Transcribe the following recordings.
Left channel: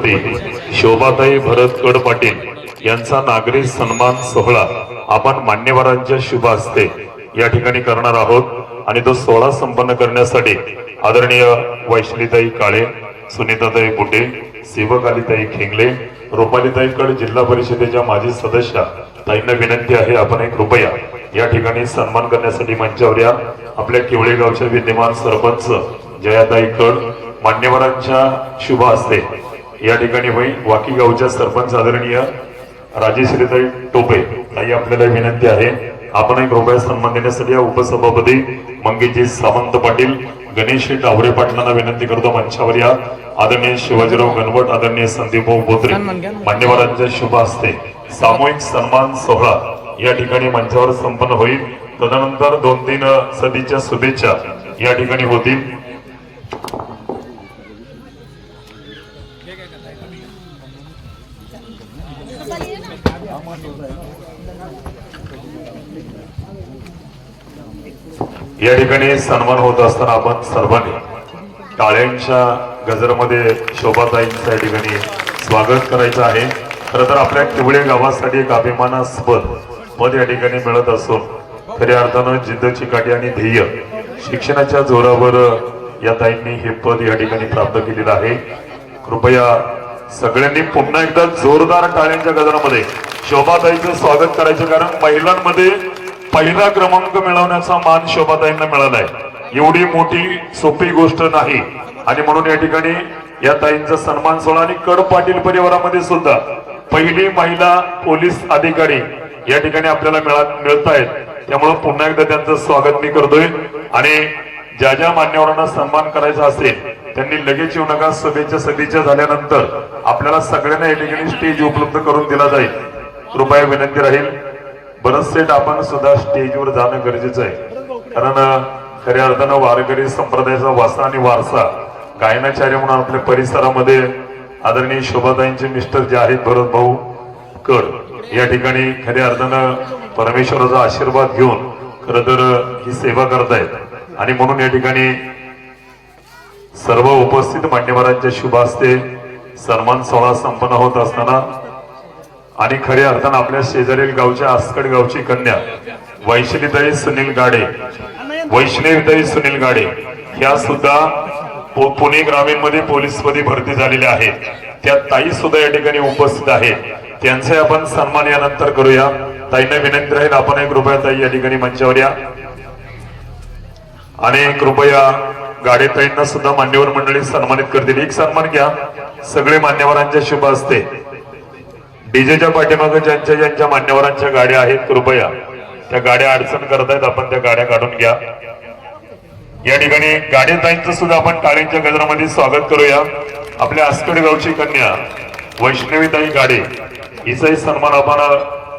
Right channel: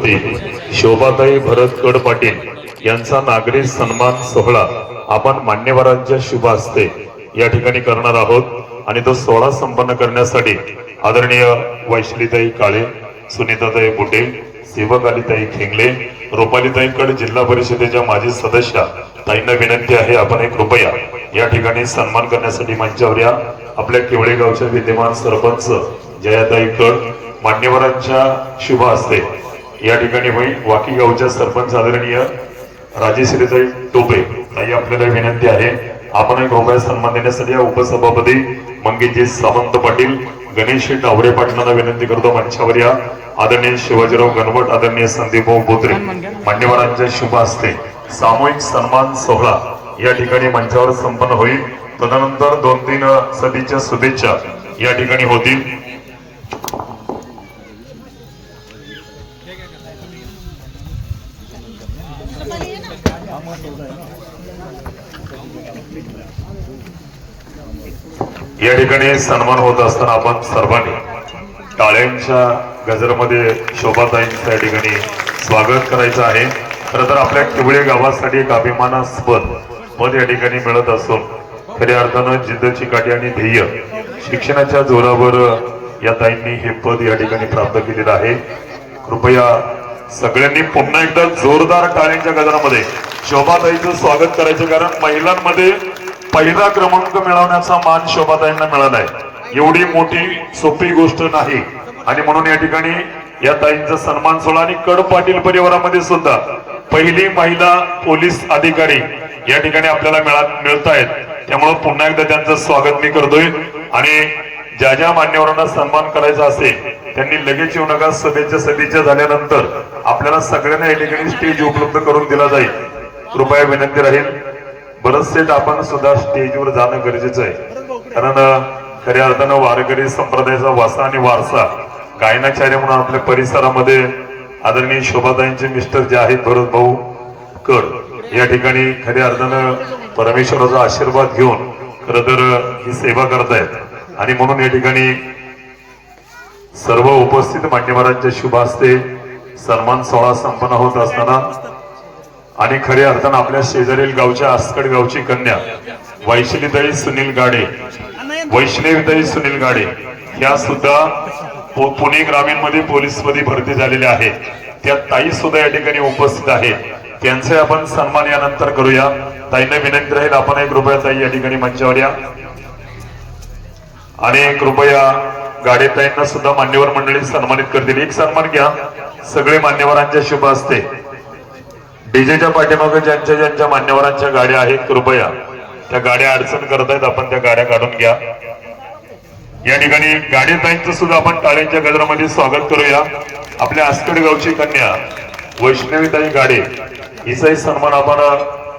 कुलपती शोभाताई भरत कड पाटील यांचा नागरी सन्मान सोहळा आपण मान्यवरांच्या शुभ हस्ते या ठिकाणी करणार आहोत आणि तो सोहळा संपन्न करण्यासाठी आदरणीय वैशालीताई काळे, सुनीताताई बुटे, सेवकालीताई खेंगले, रुपालीताई कड, जिल्हा परिषदेच्या माजी सदस्य ताईंना विनंती आहे आपण एक कृपया या ठिकाणी सन्मान करण्यासाठी मंचावर या। आपल्या केवळे गावच्या विद्यमान सरपंच जयाताई कड मान्यवरांच्या शुभ हस्ते या ठिकाणी होईल। वाकी गावच्या सरपंच आदरणीय राजेश्रीताई टोपे ताई आपल्याला विनंती आहे आपण एक रुपया सन्मान देण्यासाठी या उपसभापती मंगेशजी सावंत पाटील, गणेश डावरे पाटलांना विनंती करतो मंचावर या। आदरणीय शिवाजीराव गणवट, आदरणीय संदीपभाऊ बोत्रे मान्यवरांच्या शुभ हस्ते सामूहिक सन्मान सोहळा या ठिकाणी मंचावर संपन्न होईल। तदनंतर 2-3 सदीच्या शुभेच्छा या ठिकाणी होतील। या ठिकाणी सन्मान होत असताना आपण सर्वांनी टाळ्यांच्या गजरमध्ये शोभाताईंच्या ठिकाणी स्वागत करायचं आहे। खरं तर आपल्या किवळे गावासाठी एक अभिमानास्पद पद या ठिकाणी मिळत असून खऱ्या अर्थानं जिद्द, चिकाटी आणि ध्येय शिक्षणाच्या जोरावर या ताईंनी हे पद या ठिकाणी प्राप्त केलेलं आहे। कृपया सगळ्यांनी पुन्हा एकदा जोरदार टाळ्यांच्या गजरामध्ये शोभाताईंचं स्वागत करायचं, कारण महिलांमध्ये पहिला क्रमांक मिळवण्याचा मान शोभाताईंना मिळालाय। एवढी मोठी सोपी गोष्ट नाही आणि म्हणून या ठिकाणी या ताईंचा सन्मान सोहळा आणि कड पाटील परिवारामध्ये सुद्धा पहिली महिला पोलीस अधिकारी या ठिकाणी आपल्याला मिळत आहेत। त्यामुळे पुन्हा एकदा त्यांचं स्वागत मी करतोय आणि ज्या ज्या मान्यवरांना सन्मान करायचा असेल त्यांनी लगेच येऊ नका। सभेच्या झाल्यानंतर आपल्याला सगळ्यांना या ठिकाणी स्टेज उपलब्ध करून दिला जाईल। कृपया विनंती राहील बरचसे आपण सुद्धा स्टेजवर जाणं गरजेचं आहे, कारण खऱ्या अर्थानं वारकरी संप्रदायाचा वासा आणि वारसा गायनाचार्य म्हणून आपल्या परिसरामध्ये आदरणीय शोभाताईंचे मिस्टर जे आहेत भरत भाऊ कड या ठिकाणी खऱ्या अर्थानं परमेश्वराचा आशीर्वाद घेऊन खरं तर ही सेवा करतायत आणि म्हणून या ठिकाणी सर्व उपस्थित मान्यवरांच्या शुभ हस्ते सन्मान सोहळा संपन्न होत असताना आणि खऱ्या अर्थानं आपल्या शेजारील गावच्या आसकड गावची कन्या वैष्णवीताई सुनील गाडे ह्या सुद्धा पुणे ग्रामीण मध्ये पोलीस मध्ये भरती झालेल्या आहेत। त्या ताई सुद्धा या ठिकाणी उपस्थित आहेत, त्यांचे आपण सन्मान यानंतर करूया। ताईंना विनंती राहील आपण एक रुपया ताई या ठिकाणी मंचावर या आणि कृपया गाडेताईंना सुद्धा मान्यवर मंडळी सन्मानित करतील। एक सन्मान घ्या सगळे मान्यवरांच्या शुभ हस्ते। डीजेच्या पाठीमागे ज्यांच्या मान्यवरांच्या गाड्या आहेत कृपया त्या गाड्या अडचण करतायत, आपण त्या गाड्या काढून घ्या। या ठिकाणी गाडेताईंचं सुद्धा आपण टाळ्यांच्या गजरामध्ये स्वागत करूया। आपल्या आसकड गावची कन्या वैष्णवीताई गाडे हिचाही सन्मान आपण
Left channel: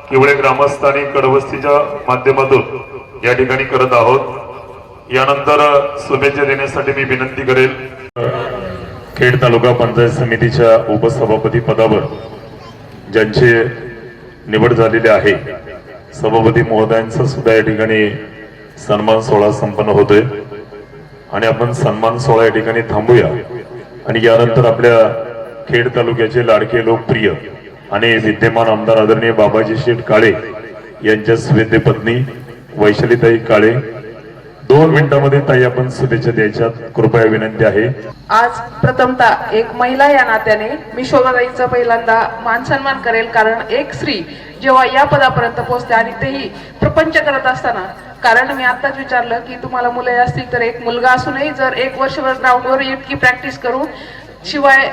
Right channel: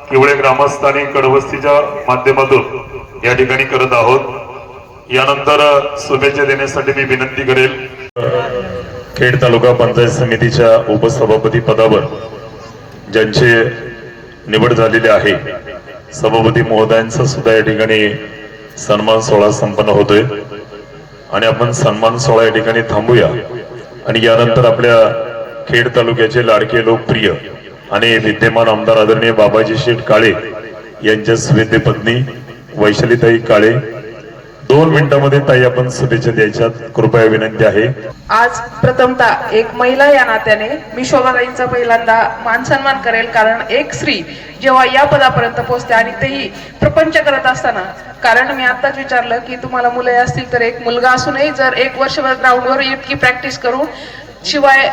केवळे ग्रामस्थांनी कडवस्तीच्या माध्यमातून या ठिकाणी करत आहोत। यानंतर शुभेच्छा देण्यासाठी मी विनंती करेल खेड तालुका पंचायत समितीच्या उपसभापती पदावर ज्यांची निवड झालेली आहे सभापती महोदयांचा सुद्धा या ठिकाणी सन्मान सोहळा संपन्न होतोय आणि आपण सन्मान सोहळा या ठिकाणी थांबूया आणि यानंतर आपल्या खेड तालुक्याचे लाडके लोकप्रिय आणि विद्यमान आमदार आदरणीय बाबाजी शेठ काळे यांच्या सुवेद्य पत्नी वैशालीताई काळे 2 मिनिटांमध्ये ताई आपण शुभेच्छा द्यायच्या कृपया विनंती आहे। आज प्रथमतः एक महिला या नात्याने मी शोभाताईंचा पहिल्यांदा मान सन्मान करेल, कारण एक स्त्री जेव्हा या पदापर्यंत पोहोचते आणि तेही प्रपंच करत असताना, कारण मी आताच विचारलं की तुम्हाला मुले असतील तर एक मुलगा असूनही जर 1 वर्षभर ग्राउंडवर इतकी प्रॅक्टिस करून शिवाय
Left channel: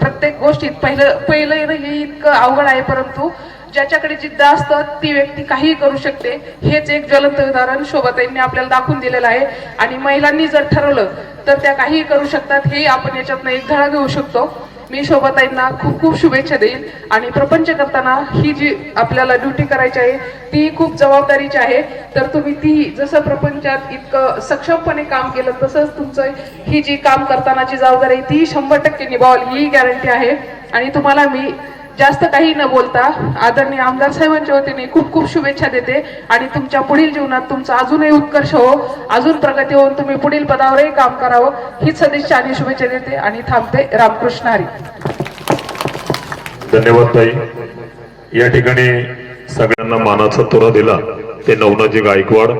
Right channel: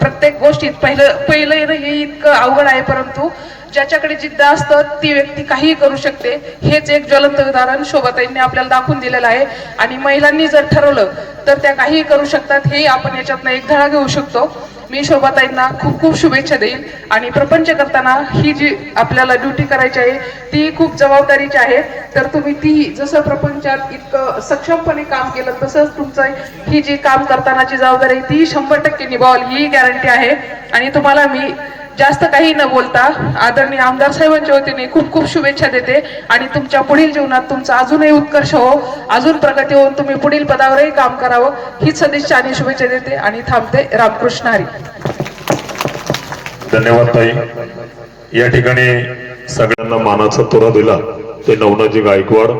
प्रत्येक गोष्टीत पहिलं हे इतकं अवघड आहे, परंतु ज्याच्याकडे जिद्द असतं ती व्यक्ती काहीही करू शकते। हेच एक ज्वलंत उदाहरण शोभाताईंनी आपल्याला दाखवून दिलेलं आहे आणि महिलांनी जर ठरवलं तर त्या काहीही करू शकतात, हे आपण याच्यातनं एक धडा घेऊ शकतो। मी शोभाताईंना खूप खूप शुभेच्छा देईन आणि प्रपंच करताना ही जी आपल्याला ड्युटी करायची आहे ती खूप जबाबदारीची आहे, तर तुम्ही ती जसं प्रपंचात इतकं सक्षमपणे काम केलं तसंच तुमचं ही जी काम करतानाची जबाबदारी ती 100% निभावाल ही गॅरंटी आहे। आणि तुम्हाला मी जास्त काही न बोलता आदरणीय आमदार साहेबांच्या वतीने खूप खूप शुभेच्छा देते आणि तुमच्या पुढील जीवनात तुमचा अजूनही उत्कर्ष हो, अजून प्रगती होऊन तुम्ही पुढील पदावरही काम करावं हीच सदिच्छा आणि शुभेच्छा देते आणि थांबते। रामकृष्ण हरी। धन्यवाद ताई. या ठिकाणी सगळ्यांना मानाचा तोरा दिला ते नवनाजी गायकवाड,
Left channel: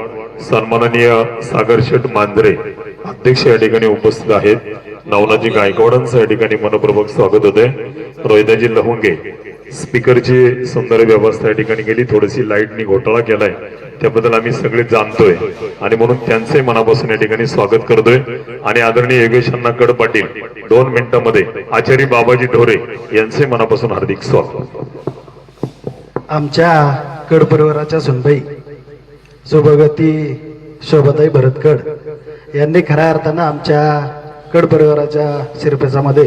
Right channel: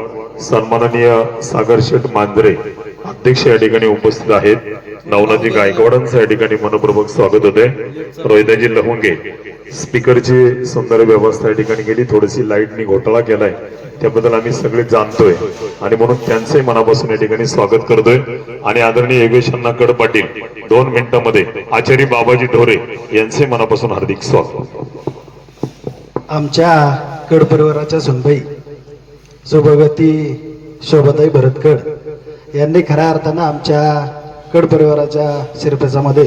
सन्माननीय सागर शेठ मांजरे अध्यक्ष या ठिकाणी उपस्थित आहेत. नवनाजी गायकवाडांचं या ठिकाणी मनपूर्वक स्वागत होते. रोहिदाजी लहुंगे स्पीकरची सुंदर व्यवस्था या ठिकाणी केली. थोडीशी लाईटनी घोटाळा केलाय त्याबद्दल आम्ही सगळे जाणतोय आणि म्हणून त्यांचंही मनापासून या ठिकाणी स्वागत करतोय. आणि आदरणीय योगेश अण्णा कड पाटील 2 मिनिटांमध्ये आचार्य बाबाजी ढोरे यांचे मनापासून हार्दिक स्वागत. आमच्या कड परिवाराच्या सुनबाई सौभाग्यवती शोभाताई भरतकड यांनी खऱ्या अर्थानं आमच्या कड परिवाराच्या शिरपेचामध्ये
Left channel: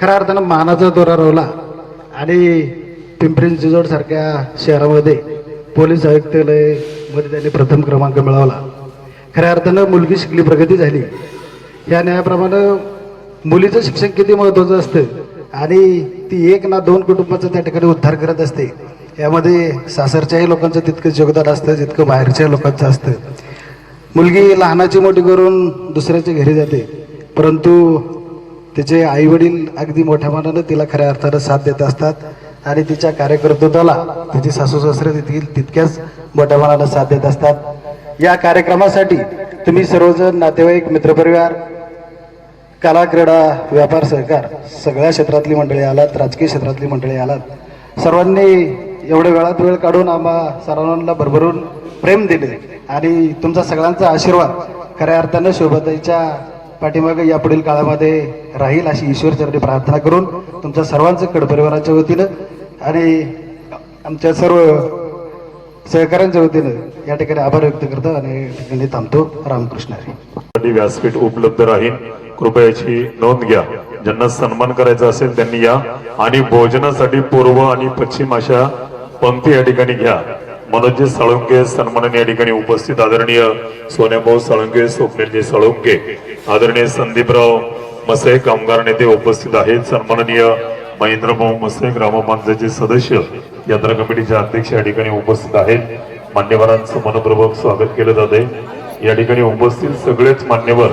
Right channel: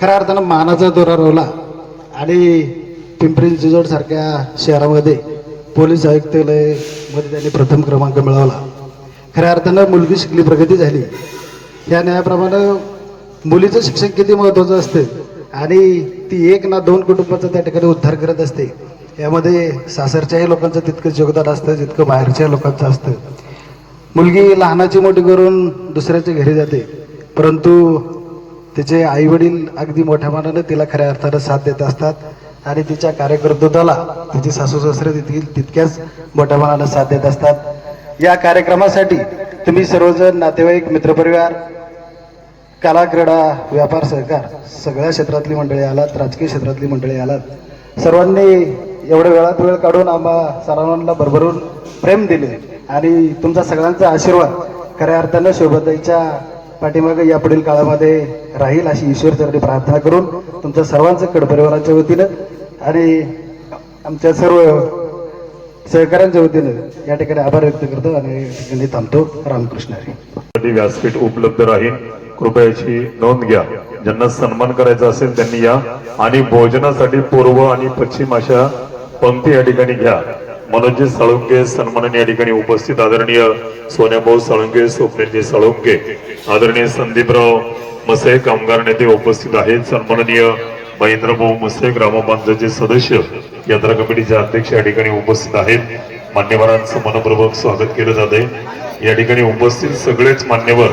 खऱ्या अर्थानं मानाचा दोरा रोवला आणि पिंपरी चिंचवड सारख्या शहरामध्ये पोलीस आयुक्तालय मध्ये त्यांनी प्रथम क्रमांक मिळवला. खऱ्या अर्थानं मुलगी शिकली प्रगती झाली. या न्यायाप्रमाणे मुलीचं शिक्षण किती महत्वाचं असतं आणि ती 1 ना 2 कुटुंबाचा त्या ठिकाणी उद्धार करत असते. यामध्ये सासरच्याही लोकांचं तितकंच योगदान असतं जितकं बाहेरच्या लोकांचं असतं. मुलगी लहानाची मोठी करून दुसऱ्याच्या घरी जाते, परंतु तिचे आई वडील अगदी मोठ्या मनानं तिला खऱ्या अर्थानं साथ देत असतात आणि तिच्या कार्यकर्तृत्वाला तिची सासू सासरे तितक्याच मोठ्या मनानं साथ देत असतात. या कार्यक्रमासाठी तुम्ही सर्वजण नातेवाईक मित्रपरिवार कला क्रीडा व्यापार सहकार सगळ्या क्षेत्रातली मंडळी आलात, राजकीय क्षेत्रातली मंडळी आलात. सर्वांनी एवढ्या वेळात वेळ काढून आम्हा सर्वांना भरभरून प्रेम दिले आणि तुमचा सगळ्यांचा आशीर्वाद खऱ्या अर्थानं शोभाताईच्या पाठीमागे यापुढील काळामध्ये राहील अशी ईश्वरचरणी प्रार्थना करून तुमच्या सर्वांचं कड परिवाराच्या वतीनं आणि आमच्या सर्व सहकाऱ्यांच्या वतीनं या ठिकाणी आभार व्यक्त करतो आणि या ठिकाणी थांबतो. रामकृष्ण हरी. व्यासपीठ उपलब्ध राहील, कृपया याची नोंद घ्या. ज्यांना सन्मान करायचा असेल त्यांनी या आणि भोजनासाठी पूर्व आणि पश्चिम अशा पंक्ती या ठिकाणी घ्या. मनोजी साळुंके सन्मानाने या ठिकाणी उपस्थित. आदरणीय सोन्याभाऊ साळुंके, स्वप्नीलजी साळुंके, आदरणीय संदीपराव मसे कामगार नेते उपस्थित आहेत. सन्माननीय महेंद्रभाऊ मसे ग्रामपंचायतचे सदस्य, यात्रा कमिटीचे अध्यक्ष या ठिकाणी उपस्थित आहेत. मान्यवरांचं मनपूर्वक स्वागत केलं जाते. या ठिकाणी उपस्थित सगळेच मान्यवर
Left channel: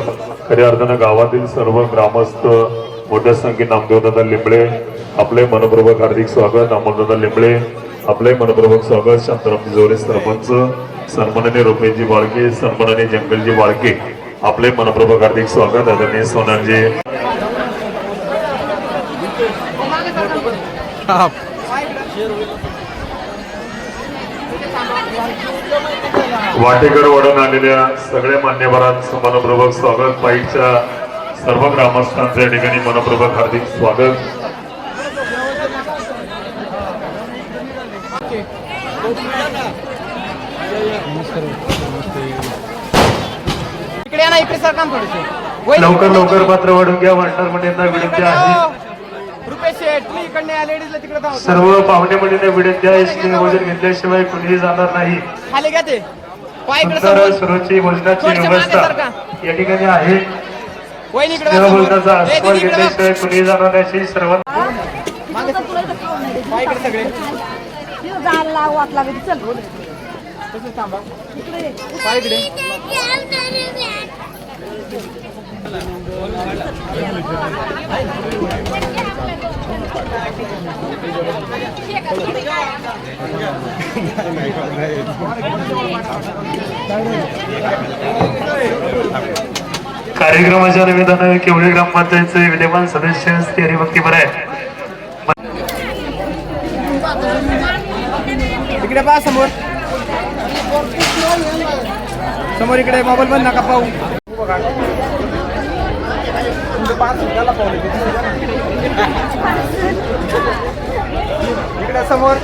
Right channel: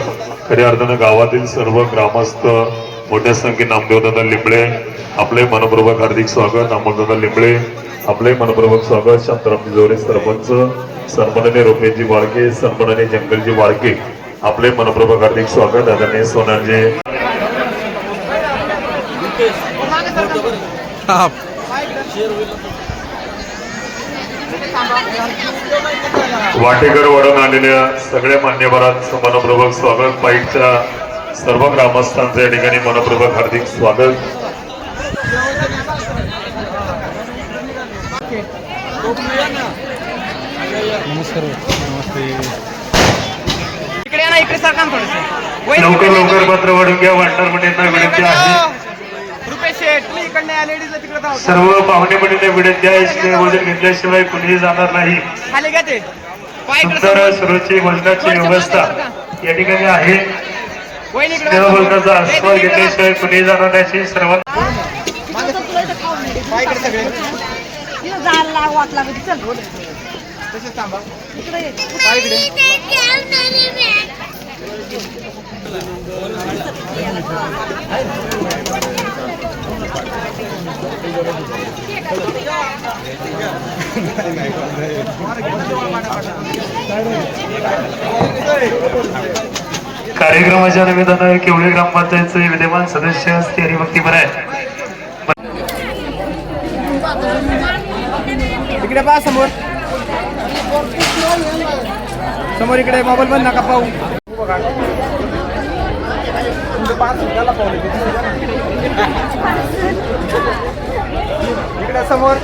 खऱ्या अर्थानं गावातील सर्व ग्रामस्थ मोठ्या संख्येने नामदेवदादा लिंबळे आपले मनपूर्वक हार्दिक स्वागत. अमोलदादा लिंबळे आपले मनपूर्वक स्वागत. शांतारामजी जोरे सरपंच, सन्माननीय रुपेशजी वाळके, सन्माननीय जंगलजी वाळके आपले मनपूर्वक हार्दिक स्वागत. आदरणीय सोनारजी वाटेकर वडून आलेल्या सगळ्या मान्यवरांचं मनपूर्वक स्वागत. पाईटच्या सर्व ग्रामस्थांचं या ठिकाणी मनपूर्वक हार्दिक स्वागत. लवकर लवकर मात्र वडून घ्या. वाटणार म्हणजे विनंती आहे. सर्व पाहुणे मंडळींना विनंती आहे, इथे भोजन घेतल्याशिवाय कुणीही जाणार नाही. सुंदर सुरुची भोजनाची व्यवस्था या ठिकाणी आहे. भोजनाचा आस्वाद घेतल्याशिवाय कुणीही जाणार नाही. सर्व कार्यक्रमाच्या निमित्तानं केवढे ग्रामपंचायतचे विद्यमान सदस्य असते हरिभक्तीपर आहे. इकडे पहा समोर समोर इकडे मोबाईल बंद नका पाहू. इकडे समोर